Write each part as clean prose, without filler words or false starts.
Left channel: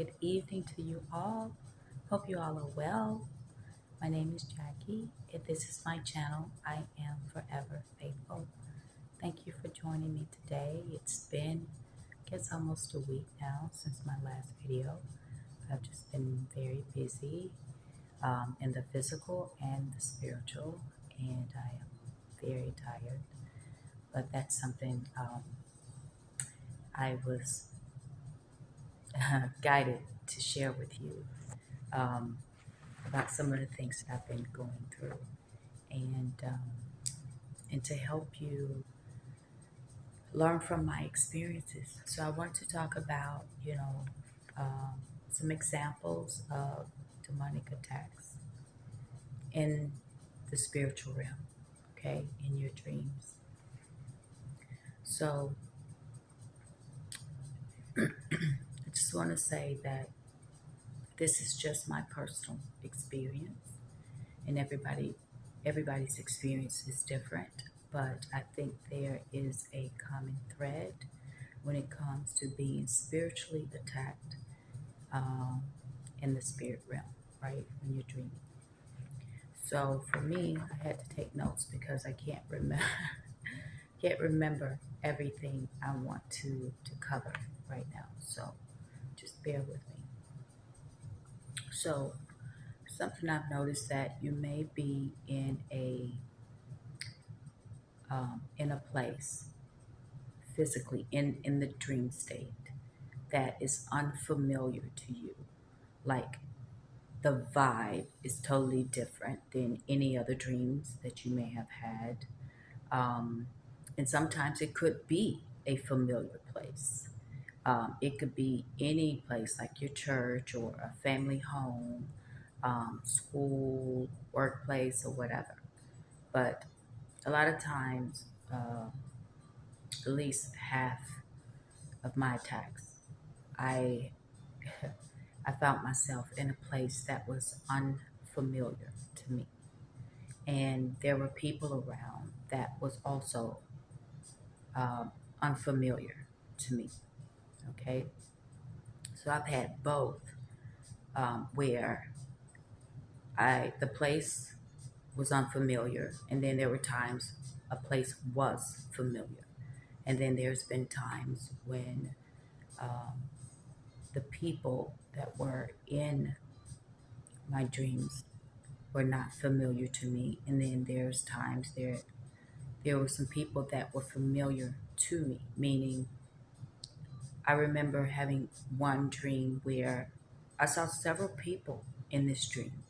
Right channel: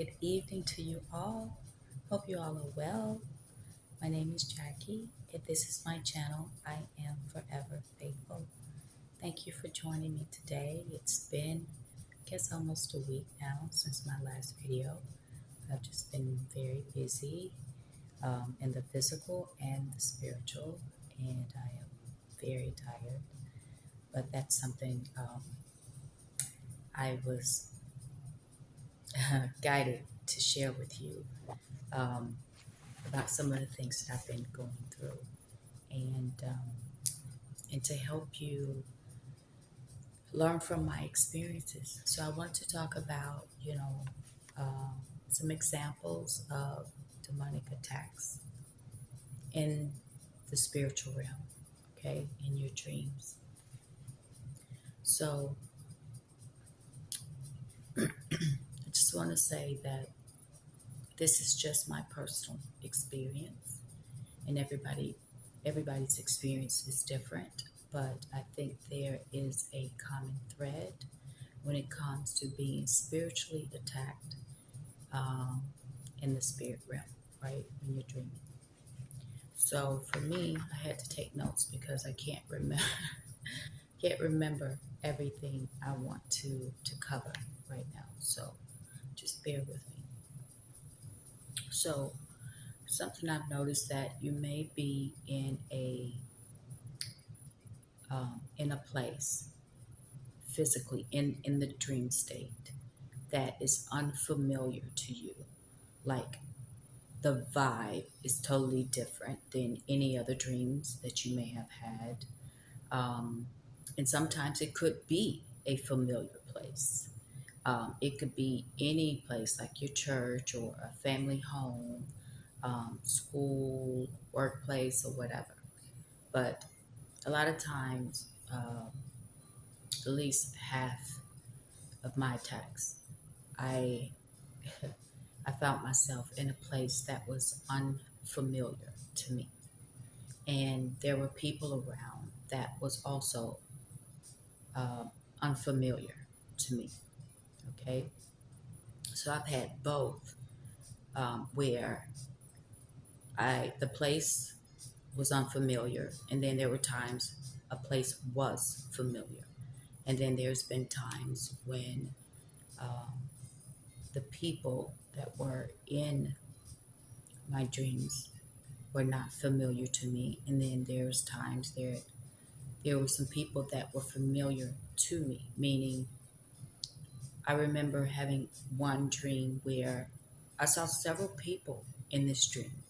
Good evening to you all. Hope you all are well. My name is Jackie, and this is my channel. I am forever faithful. Thank you for joining me today. It's been, I guess, almost a week now since my last video. I've just been very busy in the physical and the spiritual, and I am very tired. But that's something I was guided to share with you. Um, about some of the things that I've been going through, and to help you learn from my experiences. So I want to talk about some examples of demonic attacks in the spiritual realm, okay, in your dreams. So I just want to say that this is just my personal experience, and everybody's experience is different, but I think there is a common thread when it comes to being spiritually attacked um, in the spirit realm, right? When you're dreaming. So for me, I had to take notes because I can't remember can't remember everything I want to cover right now. So just bear with me. So something I've noticed that you may be in a place physically in the dream state that is unfamiliar to you, like the vibe is totally different than any other dreams that you may have had. Um, and sometimes it could be a familiar place. It could be any place like your church or a family home, school, workplace, or whatever. But a lot of times, at least half of my attacks, I I found myself in a place that was unfamiliar to me. And there were people around that was also unfamiliar to me. Okay. So I've had both where the place was unfamiliar, and then there were times a place was familiar. And then there's been times when the people that were in my dreams were not familiar to me. And then there's times there were some people that were familiar to me, meaning I remember having one dream where I saw several people in this dream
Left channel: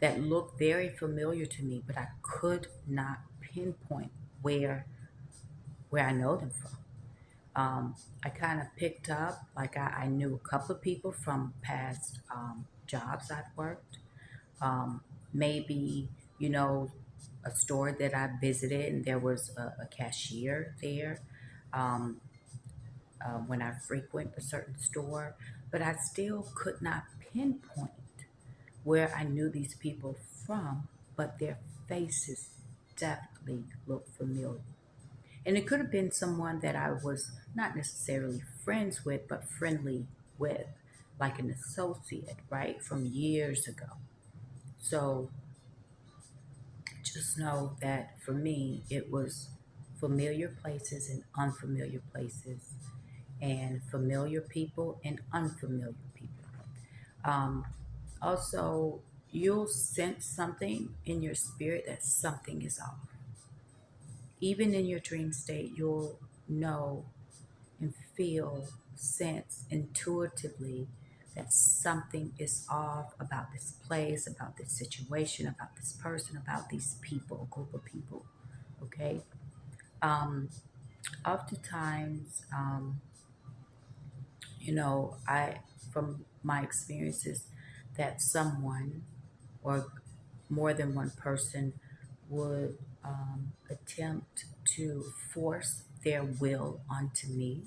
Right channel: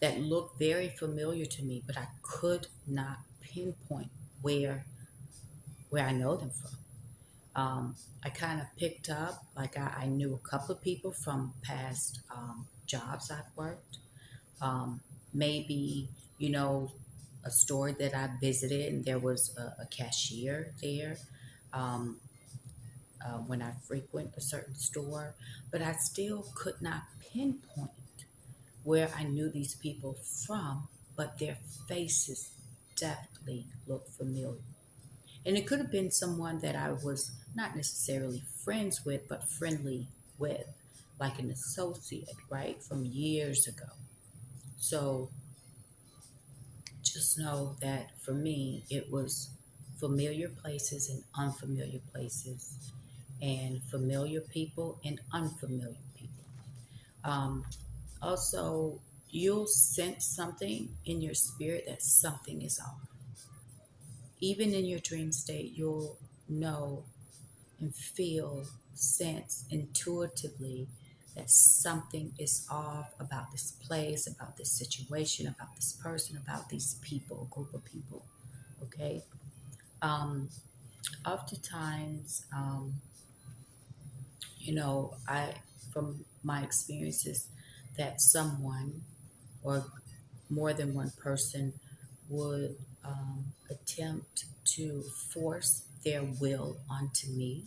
that looked very familiar to me, but I could not pinpoint where where I know them from. I kind of picked up, like I knew a couple of people from past jobs I've worked. Maybe, you know, a store that I visited and there was a cashier there. Um, when I frequent a certain store, but I still could not pinpoint where I knew these people from, but their faces definitely looked familiar. And it could have been someone that I was not necessarily friends with, but friendly with, like an associate, right, from years ago. So just know that for me, it was familiar places and unfamiliar places, and familiar people and unfamiliar people. Um, Also, you'll sense something in your spirit that something is off. Even in your dream state, you'll know and feel, sense intuitively that something is off about this place, about this situation, about this person, about these people, a group of people. Okay? Um, Oftentimes, I, from my experiences, that someone or more than one person would attempt to force their will onto me,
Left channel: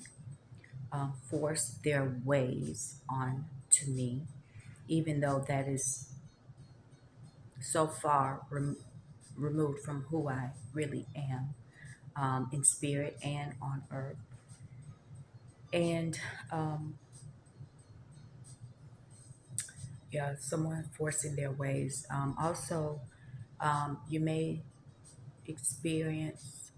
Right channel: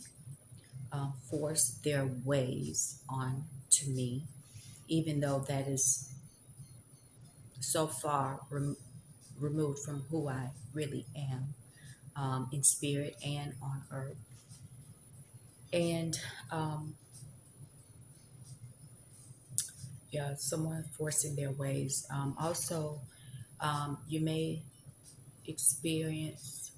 force their ways on to me, even though that is so far removed from who I really am, in spirit and on earth. And um, someone forcing their ways. Also, you may experience,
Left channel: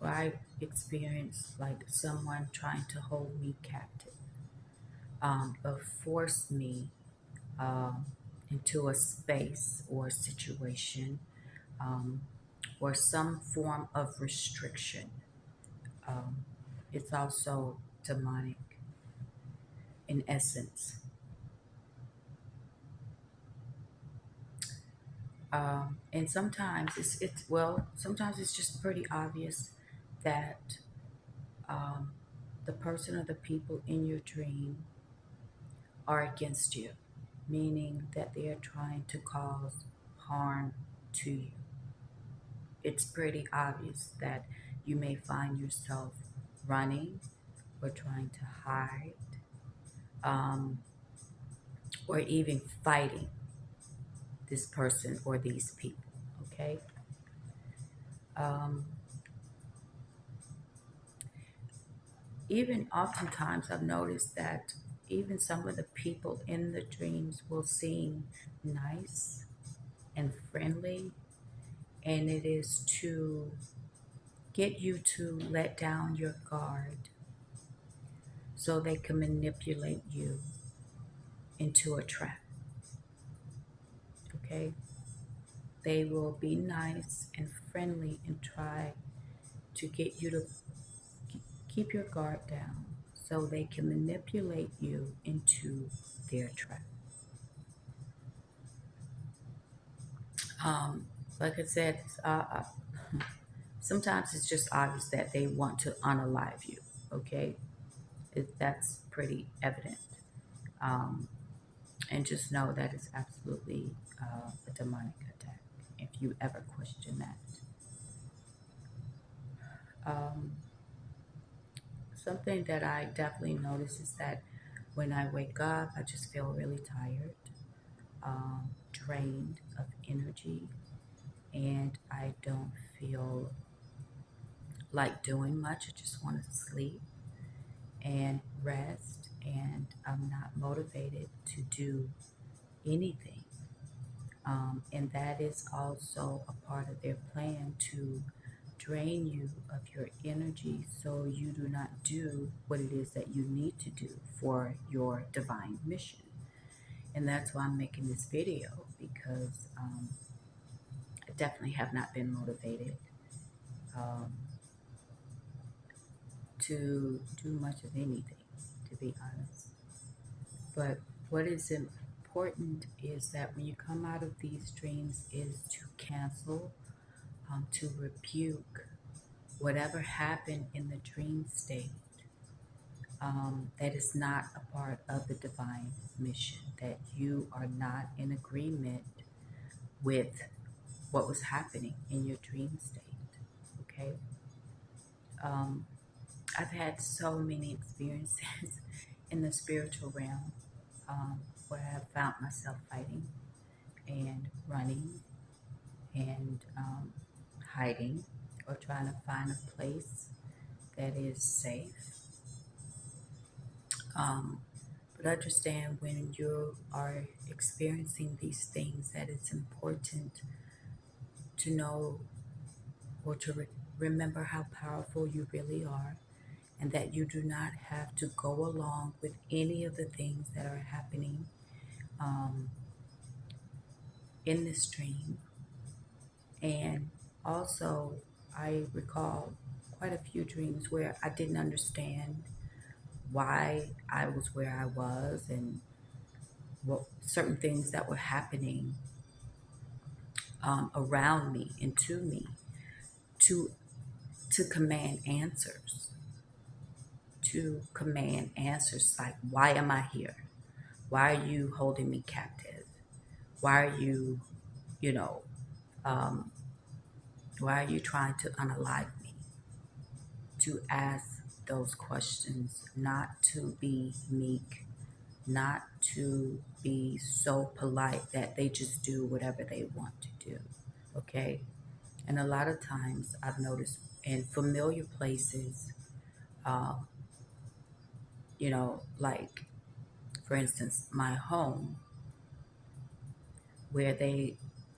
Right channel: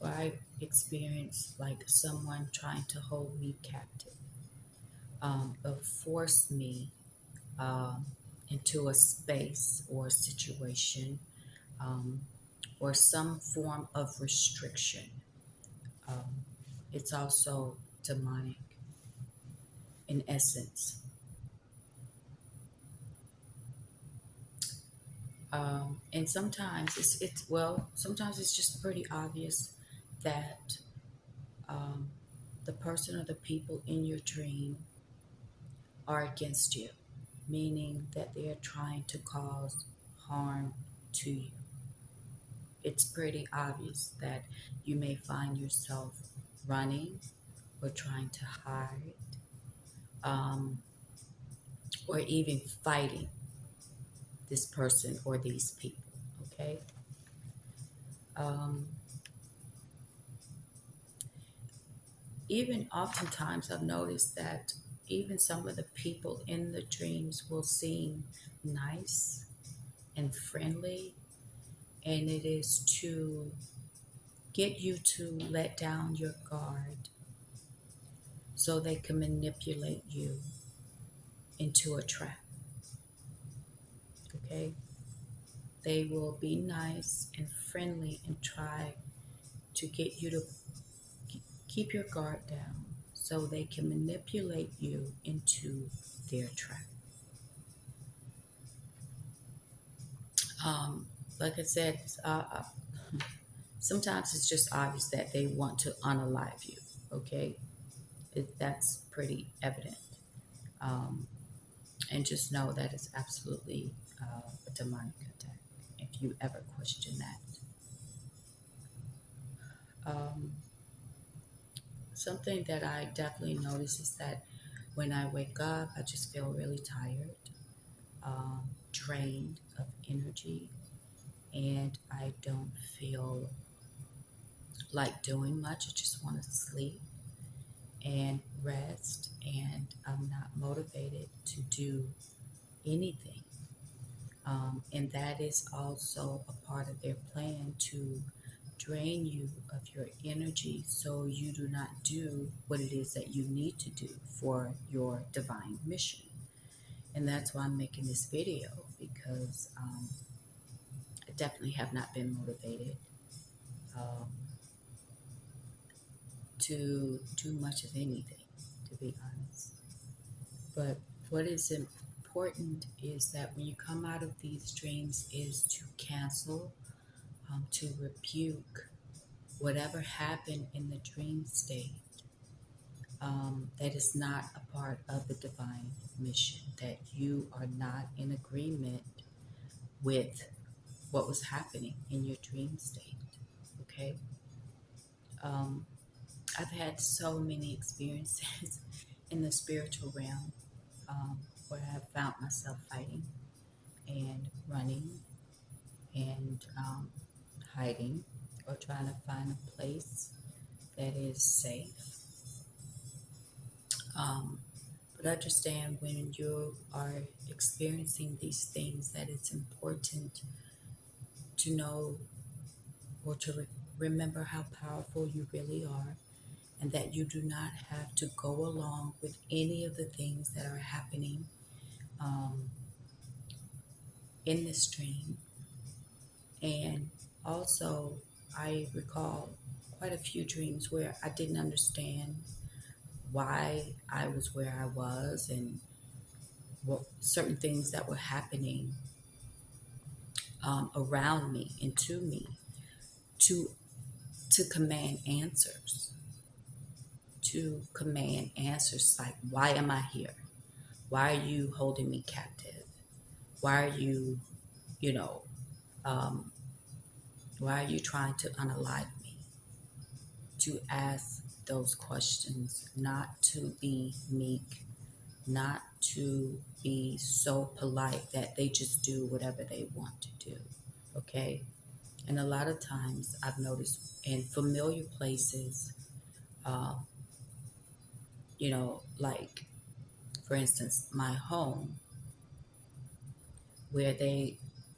or I experience, like someone trying to hold me captive, or force me um, into a space or situation, um, or some form of restriction. Um, it's also demonic in essence. And sometimes sometimes it's just pretty obvious that um, the person or the people in your dream are against you, meaning that they are trying to cause harm to you. It's pretty obvious that you may find yourself running or trying to hide, um, or even fighting this person or these people. Okay. Um, Even oftentimes, I've noticed that even some of the people in the dreams will seem nice and friendly, and it is to get you to let down your guard so they can manipulate you into a trap. Okay? They will be nice and friendly and try to get you to keep your guard down so they can manipulate you into their trap. Um, like I said, sometimes it's just obvious that they want to unalive you. Okay, that's pretty evident. Um, and just know that it's absolutely a demonic attack. If you ever question that, um, something that I definitely notice is that when I wake up, I just feel really tired, drained of energy, and I don't feel like doing much. I just want to sleep and rest, and I'm not motivated to do anything. And that is also a part of their plan to drain you of your energy so you do not do what it is that you need to do for your divine mission. And that's why I'm making this video, because I definitely have not been motivated um, to do much of anything, to be honest. But what is important is that when you come out of these dreams is to cancel, to rebuke whatever happened in the dream state, that is not a part of the divine mission, that you are not in agreement with what was happening in your dream state. Okay. um, I've had so many experiences in the spiritual realm, where I have found myself fighting and running and hiding, or trying to find a place that is safe. Um, but understand, when you are experiencing these things, that it's important to know, or to remember how powerful you really are, and that you do not have to go along with any of the things that are happening um, in this dream. And also, I recall quite a few dreams where I didn't understand why I was where I was, and what certain things that were happening around me and to me, to command answers, like, why am I here? Why are you holding me captive? Why are you, you know, um, why are you trying to unalive me? To ask those questions, not to be meek, not to be so polite that they just do whatever they want to do. Okay? And a lot of times I've noticed in familiar places, uh, like, for instance, my home, where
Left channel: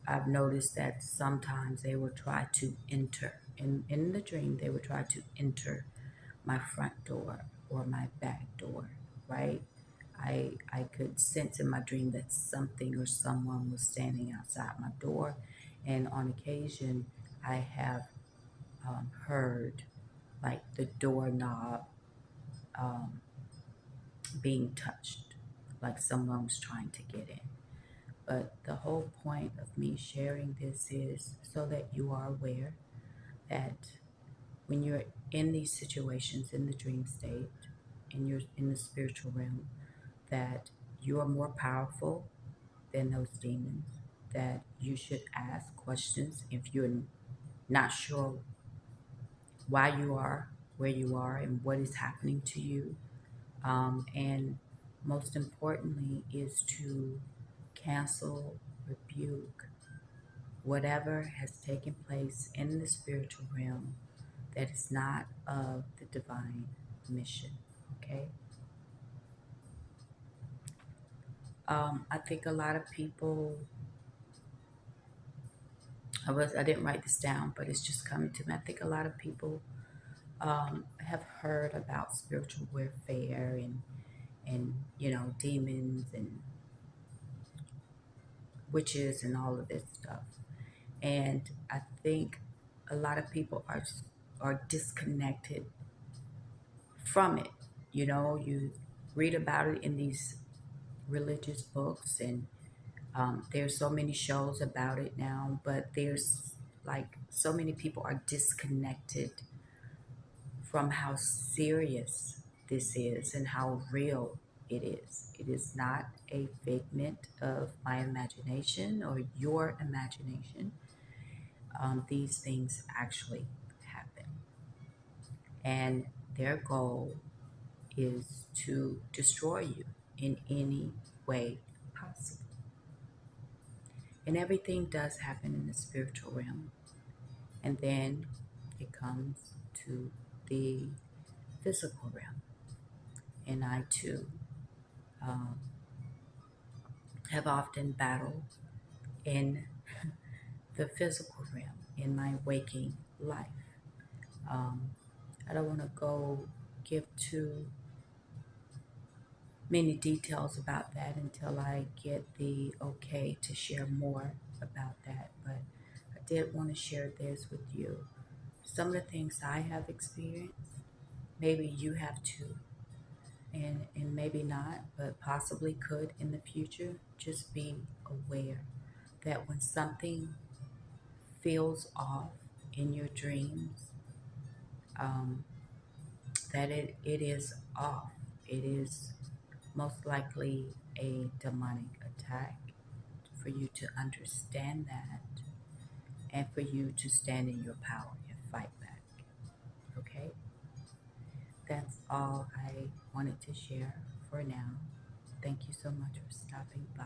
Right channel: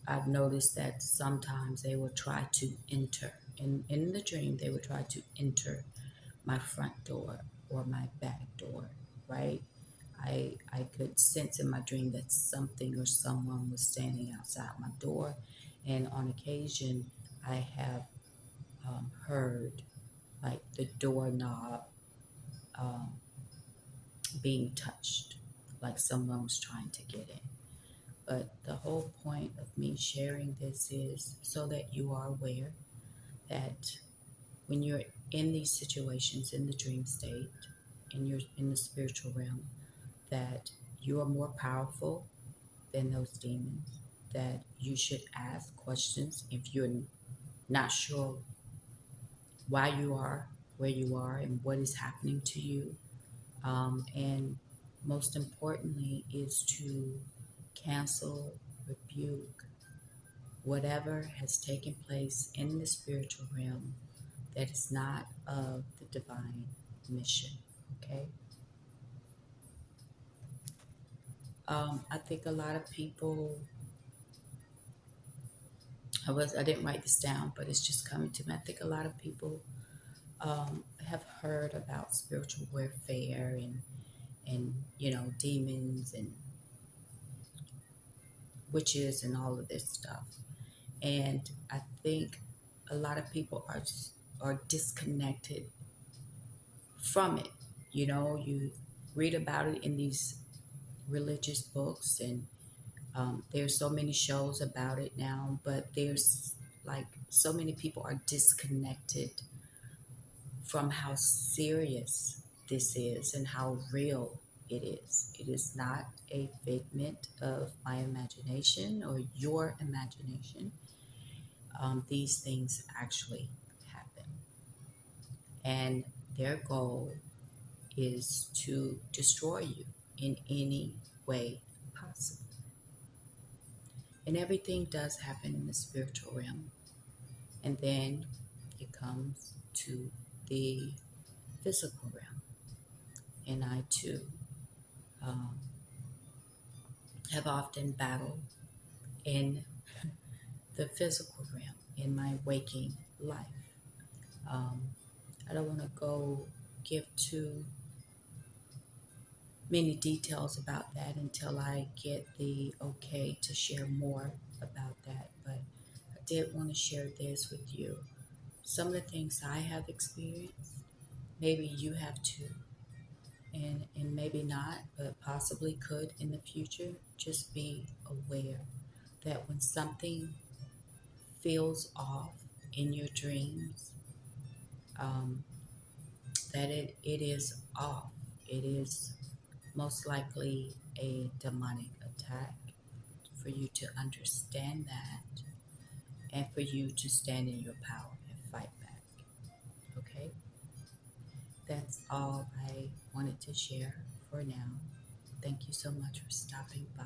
I've noticed that sometimes they will try to enter, in the dream, they would try to enter my front door or my back door, right? I could sense in my dream that something or someone was standing outside my door, and on occasion I have heard like the doorknob um, being touched, like someone was trying to get in. But the whole point of me sharing this is so that you are aware that when you're in these situations in the dream state, and you're in the spiritual realm, that you are more powerful than those demons, that you should ask questions if you're not sure why you are where you are and what is happening to you. And most importantly, is to cancel, rebuke whatever has taken place in the spiritual realm that is not of the divine mission. Okay. I think a lot of people, I didn't write this down, but it's just coming to me. I think a lot of people have heard about spiritual warfare and demons and witches and all of this stuff. And I think a lot of people are disconnected from it. You read about it in these religious books, and there's so many shows about it now, but there's like so many people are disconnected from how serious this is and how real it is. It is not a figment of my imagination or your imagination. These things actually happen, and their goal is to destroy you in any way possible. And everything does happen in the spiritual realm. And then it comes to the physical realm. And I too um, have often battled in the physical realm in my waking life. Um, I don't want to go give too many details about that until I get the okay to share more about that. But I did want to share this with you. Some of the things I have experienced, maybe you have too, and maybe not, but possibly could in the future. Just be aware that when something feels off in your dreams, um, that it is off. It is most likely a demonic attack, for you to understand that and for you to stand in your power and fight back. Okay? That's all I wanted to share for now. Thank you so much for stopping by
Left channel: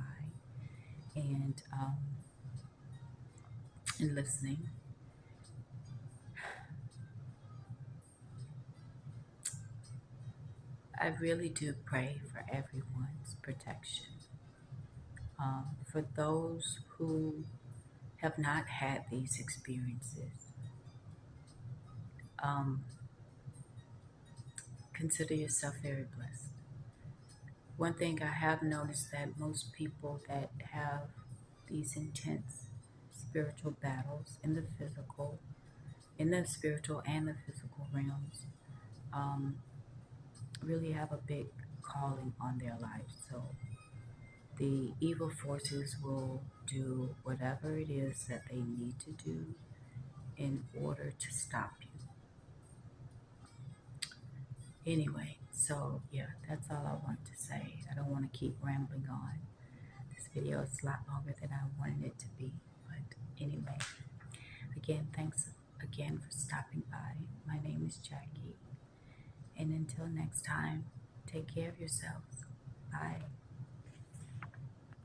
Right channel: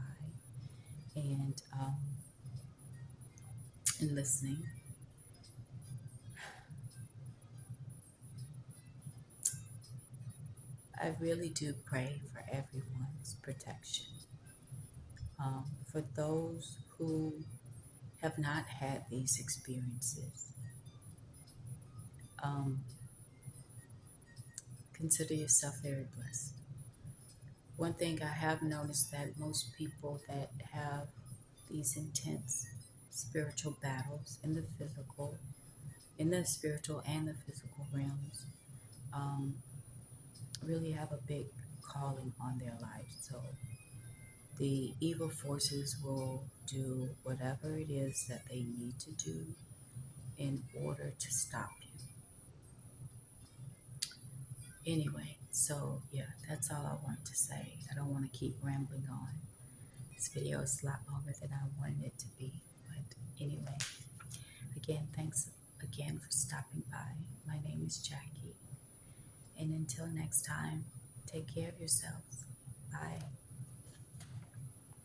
and listening. I really do pray for everyone's protection. For those who have not had these experiences, um, consider yourself very blessed. One thing I have noticed that most people that have these intense spiritual battles in the spiritual and the physical realms, um, really have a big calling on their life. So the evil forces will do whatever it is that they need to do in order to stop you. Anyway, so yeah, that's all I want to say. I don't want to keep rambling on. This video is a lot longer than I wanted it to be. But anyway, again, thanks again for stopping by. My name is Jackie. And until next time, take care of yourselves. Bye.